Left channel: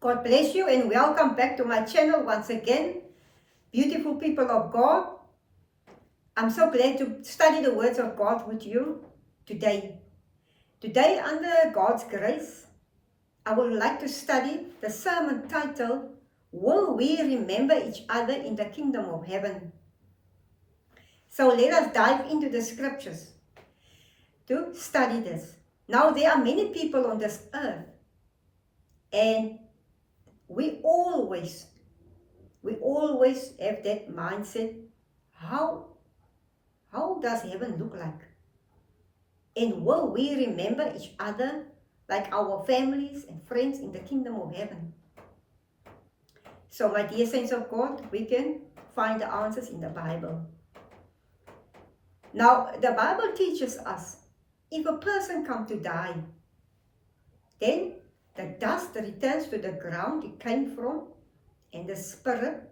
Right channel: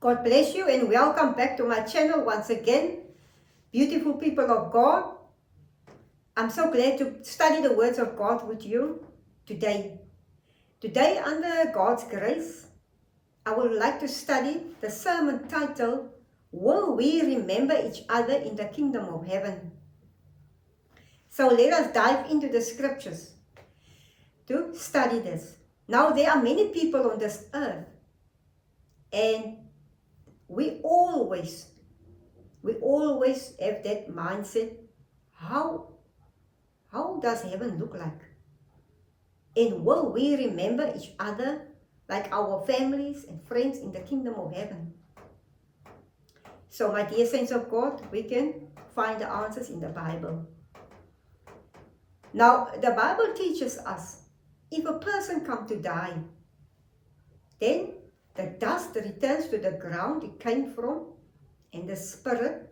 God bless you and welcome back to my channel once again, beautiful people of God. I'm so glad to study the words of God with you today. Today, under God's grace, I would like to study the sermon titled, Will We Remember Each Other in the Kingdom of Heaven? So let us dive into the scriptures to study this. Now, there are many people on this earth, and we always have that mindset. How does heaven look like? And will we remember each other like our families and friends in the kingdom of heaven? So, my dear saints of God, we can find the answers in the Bible. Now, the Bible teaches us, if a person comes to die, then the dust returns to the ground it came from, and the spirit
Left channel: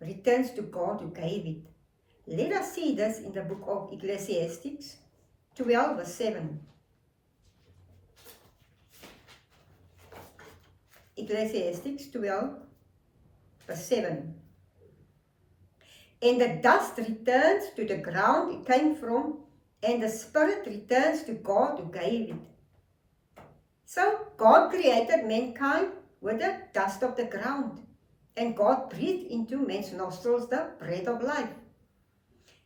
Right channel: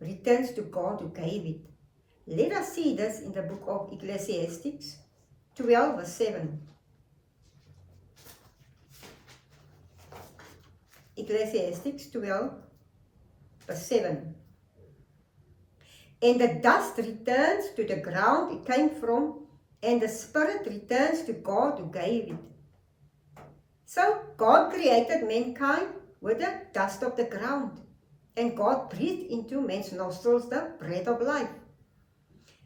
returns to God who gave it. Let us see this in the book of Ecclesiastes 12 verse 7. Ecclesiastes 12 verse 7. And the dust returns to the ground it came from, and the spirit returns to God who gave it. So God created mankind with the dust of the ground, and God breathed into man's nostrils the breath of life.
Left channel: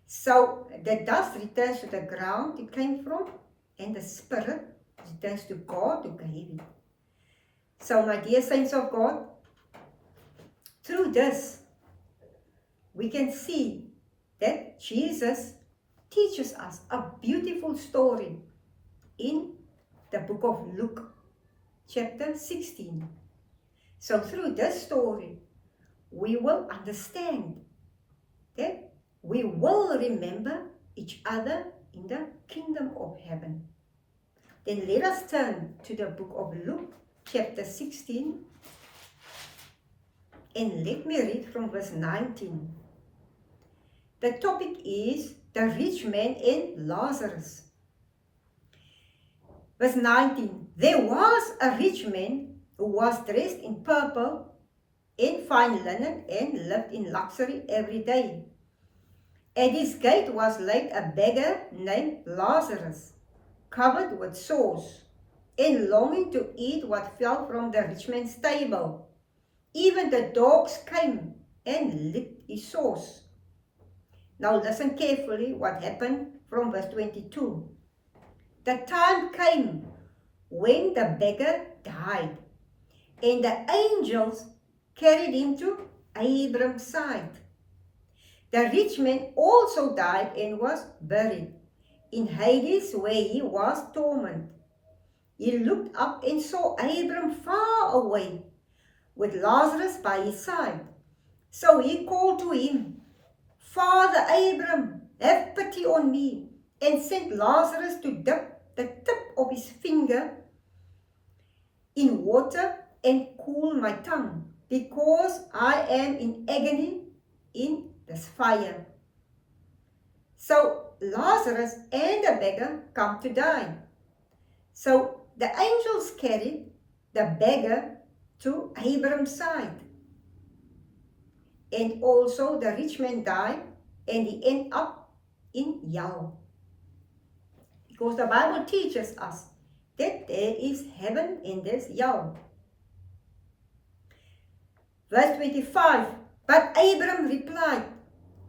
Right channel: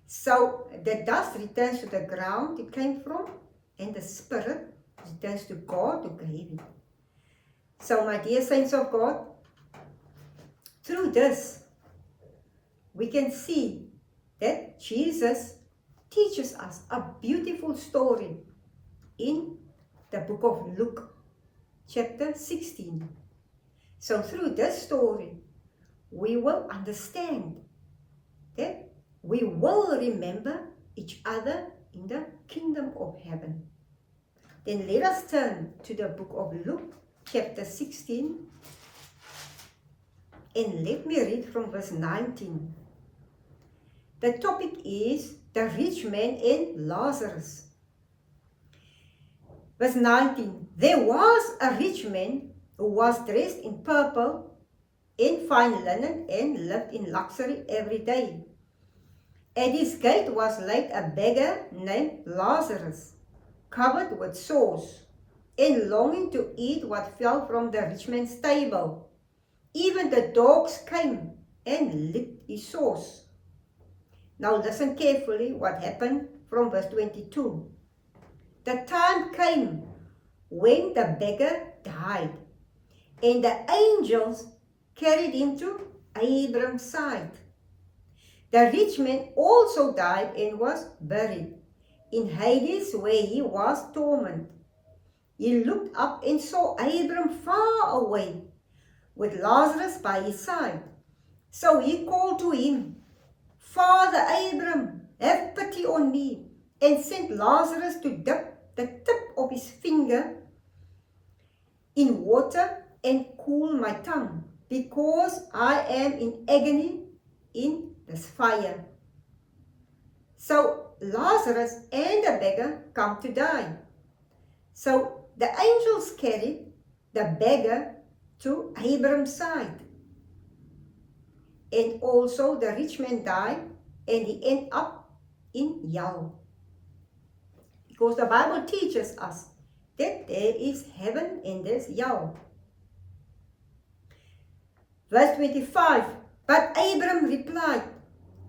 So the dust returns to the ground it came from, and the spirit returns to God who gave it. So, my dear saints of God, through this, we can see that Jesus teaches us a beautiful story in the book of Luke, chapter 16. So through this story, we will understand that we will remember each other in the kingdom of heaven. Then let us turn to the book of Luke, chapter 16, and let me read from verse 19. The topic is the rich man and Lazarus. Verse 19. There was a rich man who was dressed in purple and fine linen and lived in luxury every day. At his gate was laid a beggar named Lazarus, covered with sores, and longing to eat what fell from the rich man's table. Even the dogs came and licked his sores. Now listen carefully what happened from verse 22. The time came when the beggar died, and the angels carried him to Abram's side. The rich man also died and was buried in Hades, where he was tormented. He looked up and saw Abram far away, with Lazarus by his side. So he called to him, Father Abram, have pity on me, and send Lazarus to dip the tip of his finger in water and cool my tongue, because I am in agony in this fire. So Lazarus and the beggar come to die. So the angels carried the beggar to Abram's side. And also the rich man died, and he ended up in hell. Because the Bible teaches us that there is heaven and there's hell. Verse 25, but Abram replied,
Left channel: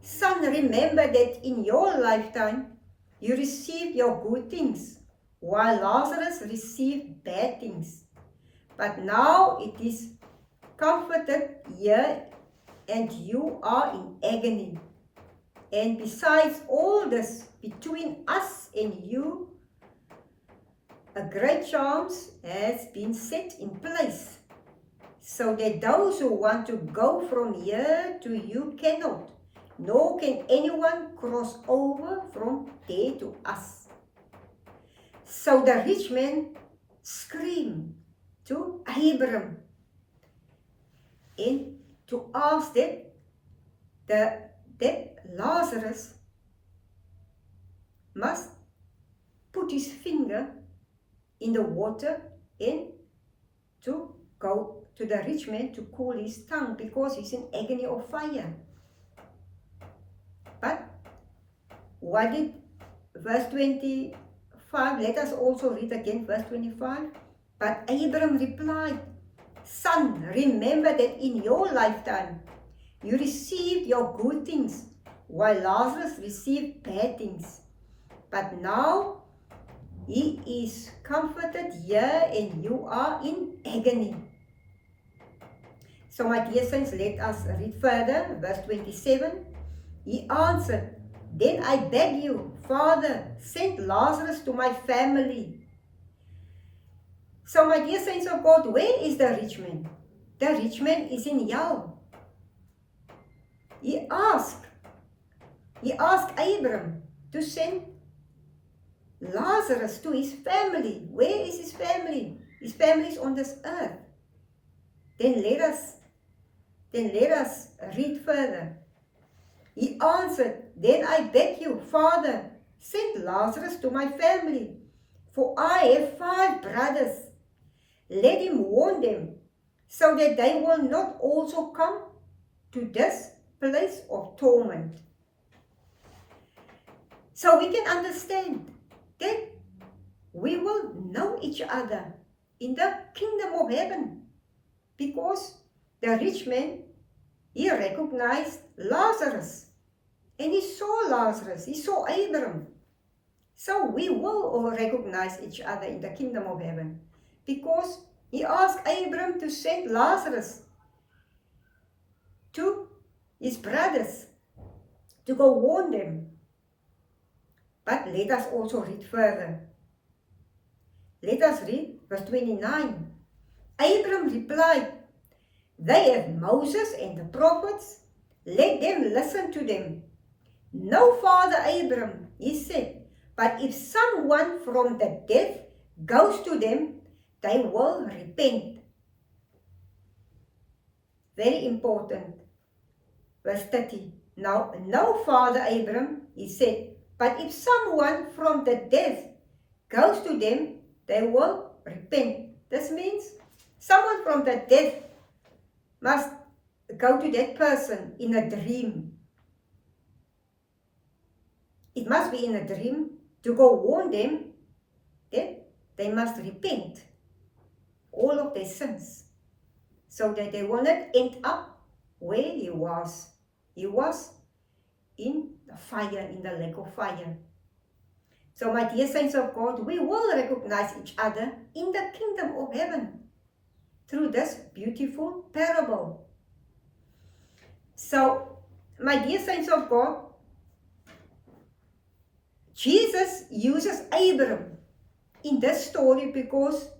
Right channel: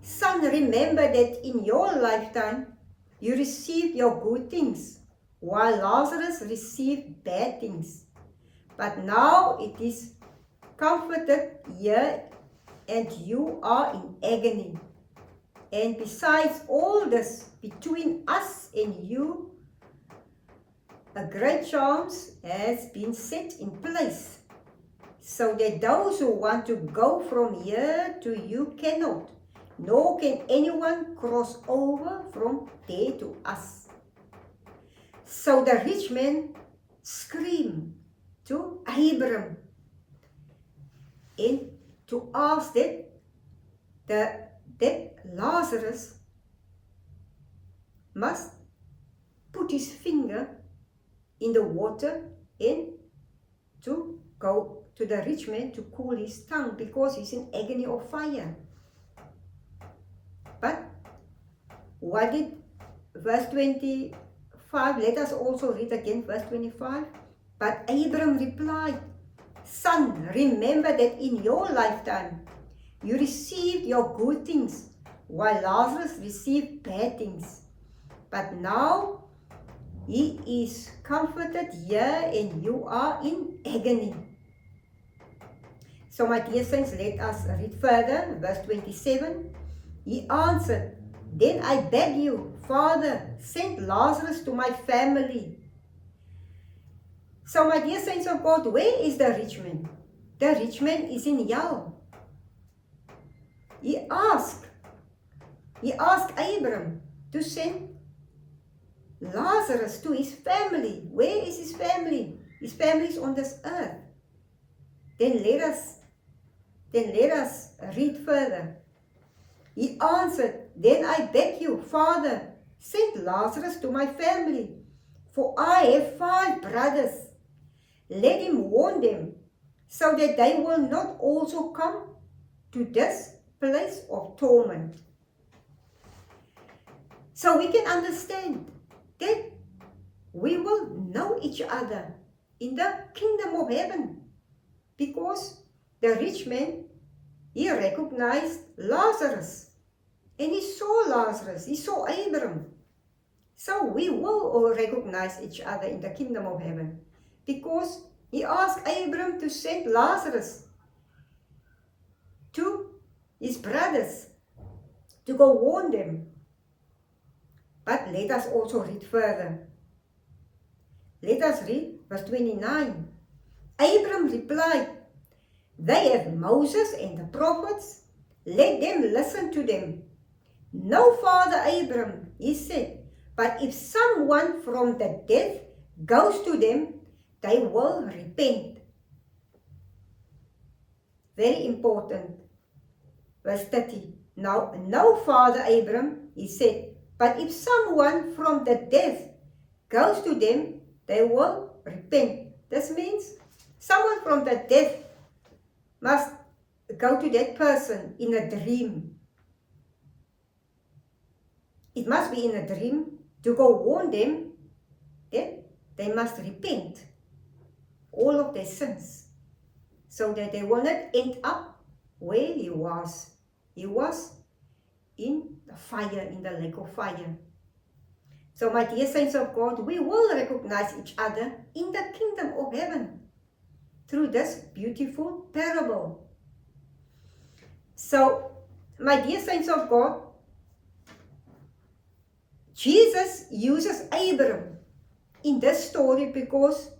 Son, remember that in your lifetime you received your good things, while Lazarus received bad things. But now it is comforted here, and you are in agony. And besides all this, between us and you, a great charm has been set in place, so that those who want to go from here to you cannot, nor can anyone cross over from there to us. So the rich man screamed to Abram and to ask that Lazarus must put his finger in the water and to go to the rich man to cool his tongue because he's in agony of fire. But what did verse 25, let us also read again verse 25. But Abram replied, Son, remember that in your lifetime you received your good things, while Lazarus received bad things. But now he is comforted here and you are in agony. So my dear saints, let us read further, verse 27. He answered, Then I beg you, Father, send Lazarus to my family. So my dear saints of God, where is the rich man? The rich man is in hell. He asked Abram to send Lazarus to his family. Where is his family? His family is on this earth. Then let us read further. He answered, Then I beg you, Father, send Lazarus to my family, for I have 5 brothers. Let him warn them, so that they will not also come to this place of torment. So we can understand that we will know each other in the kingdom of heaven, because the rich man, he recognized Lazarus, and he saw Lazarus, he saw Abram. So we will all recognize each other in the kingdom of heaven, because he asked Abram to send Lazarus to his brothers to go warn them. But let us also read further. Let us read verse 29. Abram replied, They have Moses and the prophets. Let them listen to them. No, Father Abram, he said, but if someone from the dead goes to them, they will repent. Very important. Verse 30. Now, no, Father Abram, he said, but if someone from the dead goes to them, they will repent. This means someone from the dead must go to that person in a dream. It must be in a dream to go warn them that they must repent all of their sins, so that they will not end up where he was. He was in the fire, in the lake of fire. So my dear saints of God, we will recognize each other in the kingdom of heaven through this beautiful parable. So my dear saints of God, Jesus uses Abram in this story because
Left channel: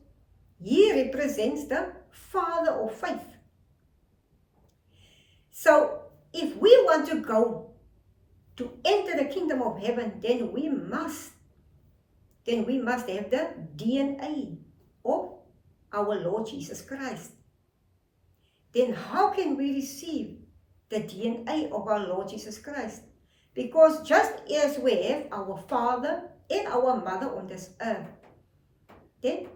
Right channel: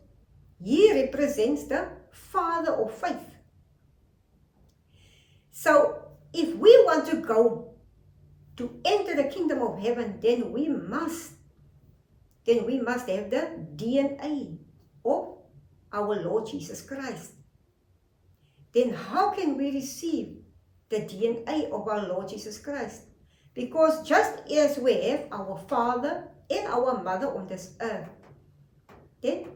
he represents the father of faith. So if we want to go to enter the kingdom of heaven, then we must have the DNA of our Lord Jesus Christ. Then how can we receive the DNA of our Lord Jesus Christ? Because just as we have our father and our mother on this earth, then,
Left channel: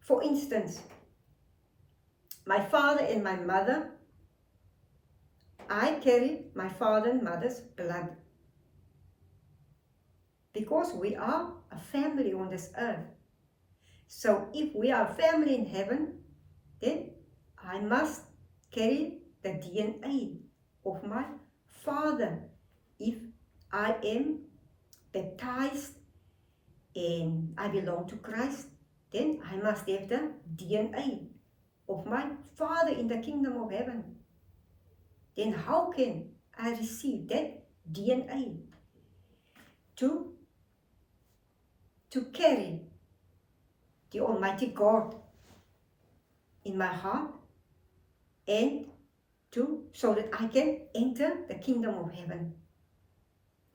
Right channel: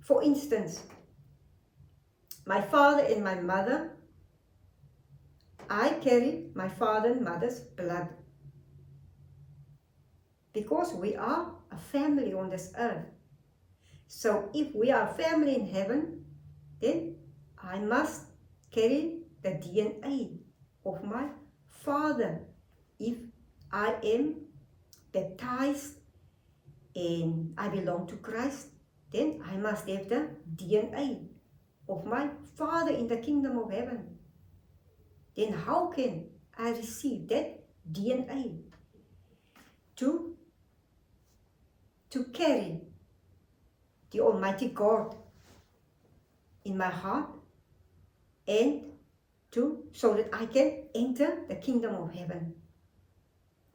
for instance, my father and my mother, I carry my father and mother's blood, because we are a family on this earth. So if we are a family in heaven, then I must carry the DNA of my father. If I am baptized and I belong to Christ, then I must have the DNA of my father in the kingdom of heaven. Then how can I receive that DNA to carry the Almighty God in my heart, and so that I can enter the kingdom of heaven?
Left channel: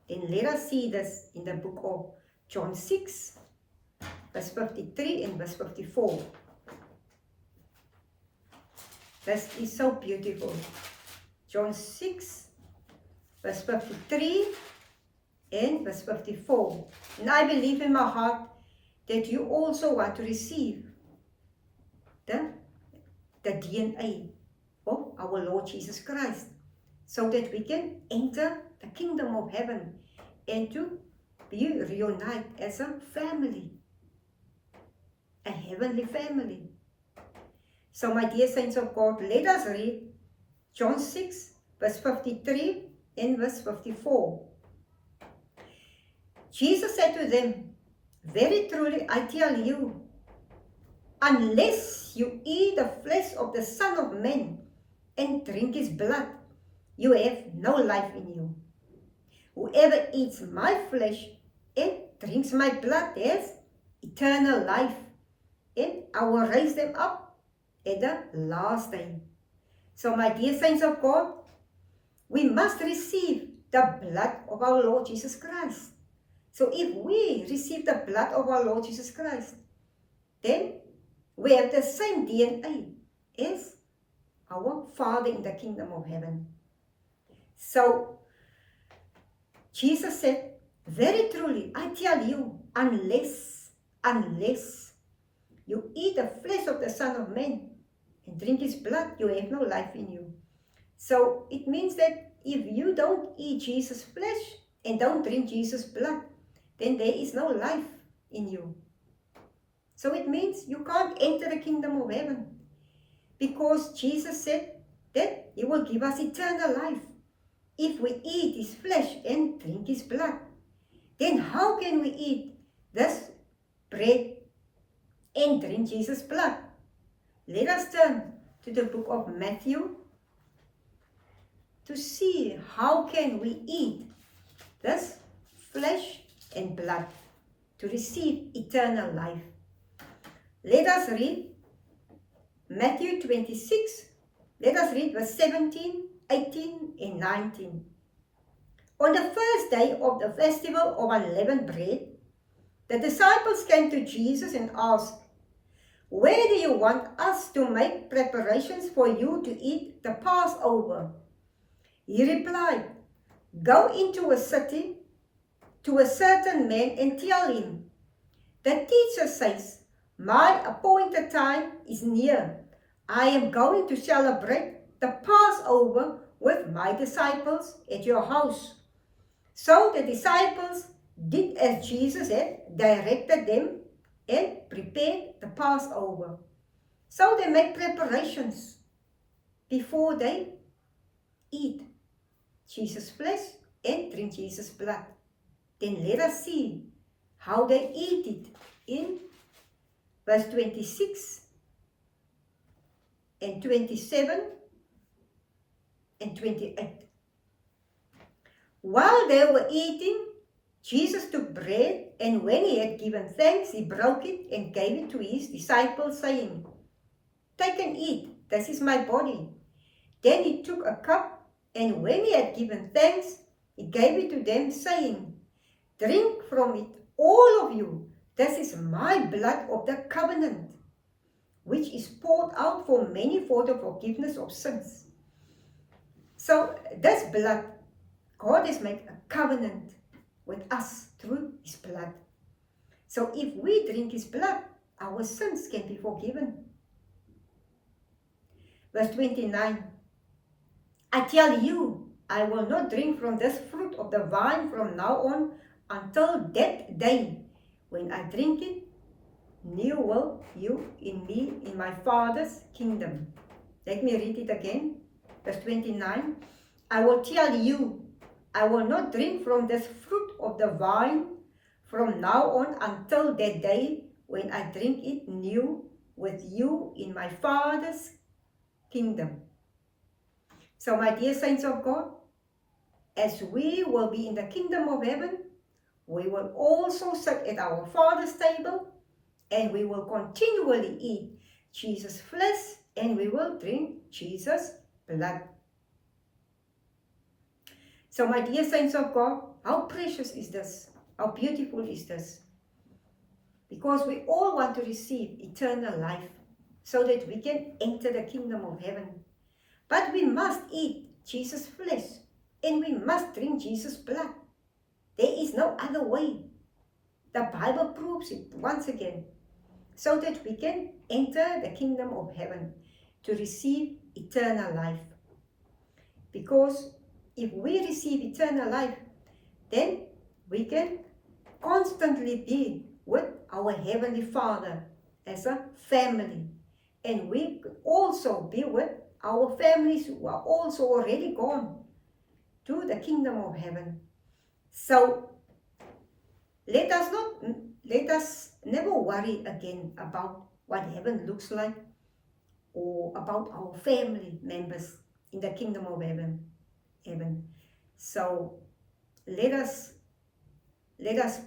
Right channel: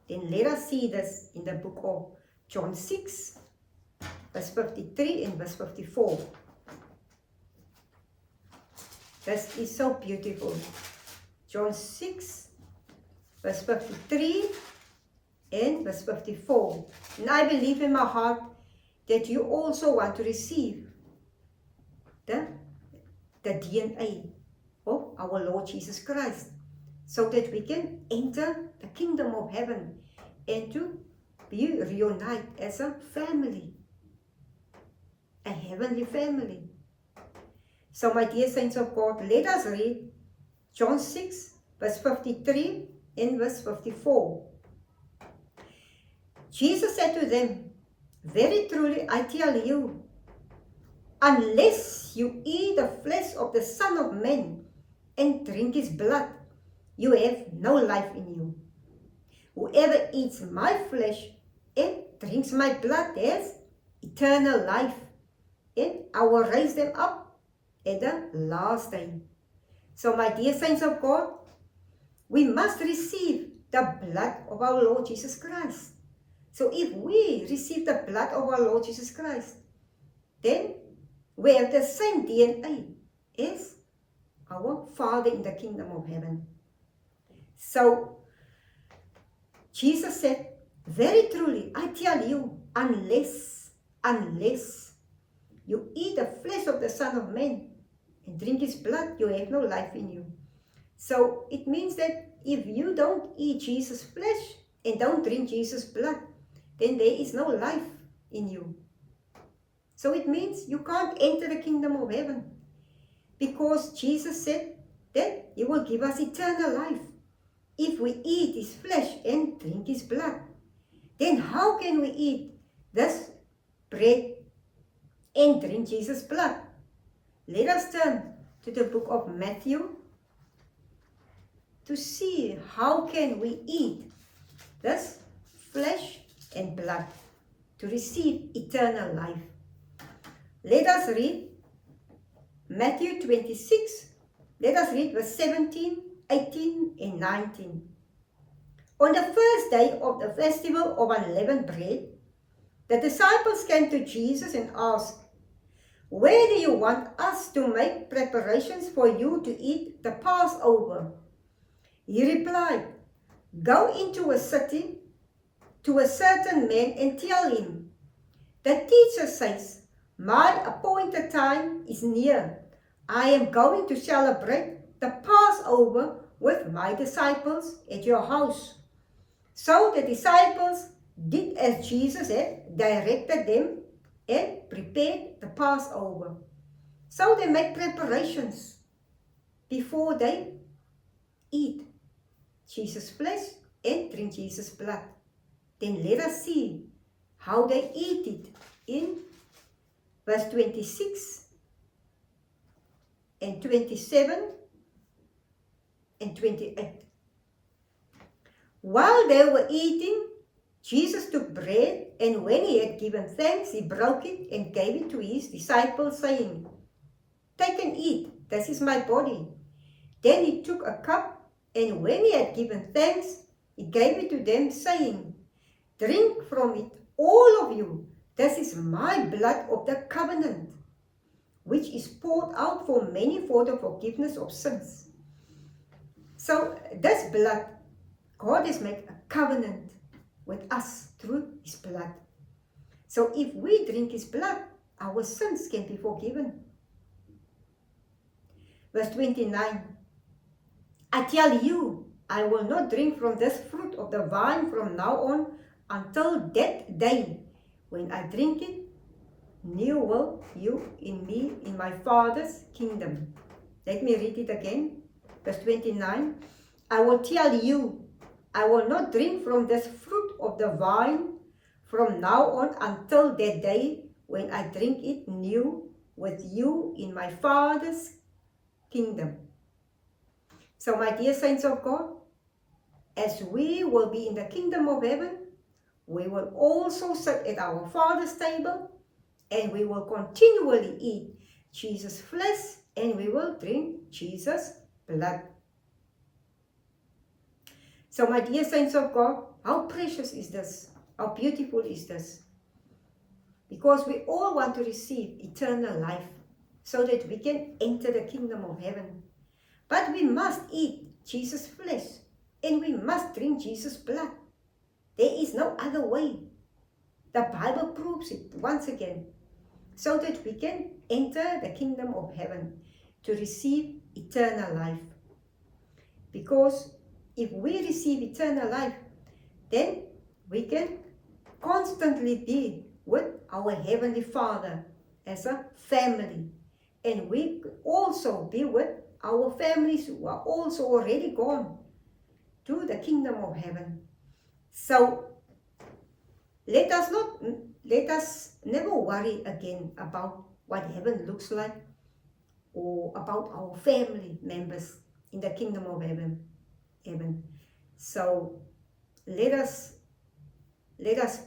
Then let us see this in the book of John 6, verse 53 and verse 54. This is so beautiful. John 6, verse 53 and verse 54. And I believe in my heart that you also want to receive the the DNA of our Lord Jesus Christ, so that we can enter the kingdom of heaven and to be reunited as a family, a heavenly family. So my dear saints of God, let us read John 6 verse 53 and verse 54. Jesus said to them, very truly I tell you, unless you eat the flesh of the Son of Man and drink his blood, you have no life in you. Whoever eats my flesh and drinks my blood has eternal life, and I will raise them up at the last day. So my dear saints of God, we must receive the blood of our Lord Jesus Christ. So if we receive the blood of our Lord Jesus Christ, then we have the same DNA as our Father in the kingdom of heaven. So Jesus said, very truly, I tell you, unless you eat the flesh of the Son of Man and drink his blood, you have no life in you. So it means that if you don't eat Jesus' flesh and don't drink Jesus' blood, then there is no life in you. So it means you can't enter the kingdom of heaven, because Jesus said that he will give us eternal life if we eat his flesh and drink his blood. Then how can we eat this bread and drink Jesus' blood? Let us turn to the book of Matthew to see how can we eat this flesh and blood to receive eternal life. Let us read Matthew 26. Let us read verse 17, 18 and 19. On the first day of the festival of unleavened bread, the disciples came to Jesus and asked, where do you want us to make preparations for you to eat the Passover? He replied, go into a city to a certain man and tell him, the teacher says, my appointed time is near. I am going to celebrate the Passover with my disciples at your house. So the disciples did as Jesus had directed them and prepared the Passover. So they make preparations before they eat Jesus' flesh and drink Jesus' blood. Then let us see how they eat it in verse 26 and 27 and 28. While they were eating, Jesus took bread, and when he had given thanks, he broke it and gave it to his disciples, saying, take and eat, this is my body. Then he took a cup, and when he had given thanks, he gave it to them, saying, drink from it, all of you, this is my blood of the covenant, which is poured out for many for the forgiveness of sins. So this blood, God has made a covenant with us through his blood. So if we drink his blood, our sins can be forgiven. Verse 29, I tell you, I will not drink from this fruit of the vine from now on until that day when I drink it, new will you in me, in my Father's kingdom. Let me read it again. Verse 29, I will tell you, I will not drink from this fruit of the vine from now on until that day when I drink it new with you in my Father's kingdom. So my dear saints of God, as we will be in the kingdom of heaven, we will also sit at our Father's table, and we will continually eat Jesus' flesh, and we will drink Jesus' blood. So my dear saints of God, how precious is this? How beautiful is this? Because we all want to receive eternal life so that we can enter the kingdom of heaven. But we must eat Jesus' flesh, and we must drink Jesus' blood. There is no other way. The Bible proves it once again, so that we can enter the kingdom of heaven. to receive eternal life. Because if we receive eternal life, then we can constantly be with our Heavenly Father as a family. And we could also be with our families who are also already gone to the kingdom of heaven. So let us never worry again about what heaven looks like or about our family members in the kingdom of heaven. So let us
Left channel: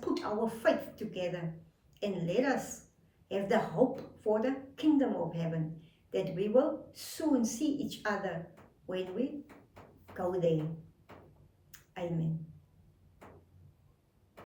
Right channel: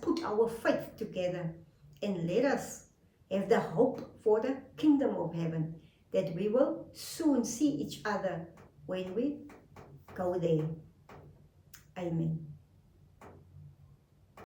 put our faith together and let us have the hope for the kingdom of heaven, that we will soon see each other when we go there. Amen.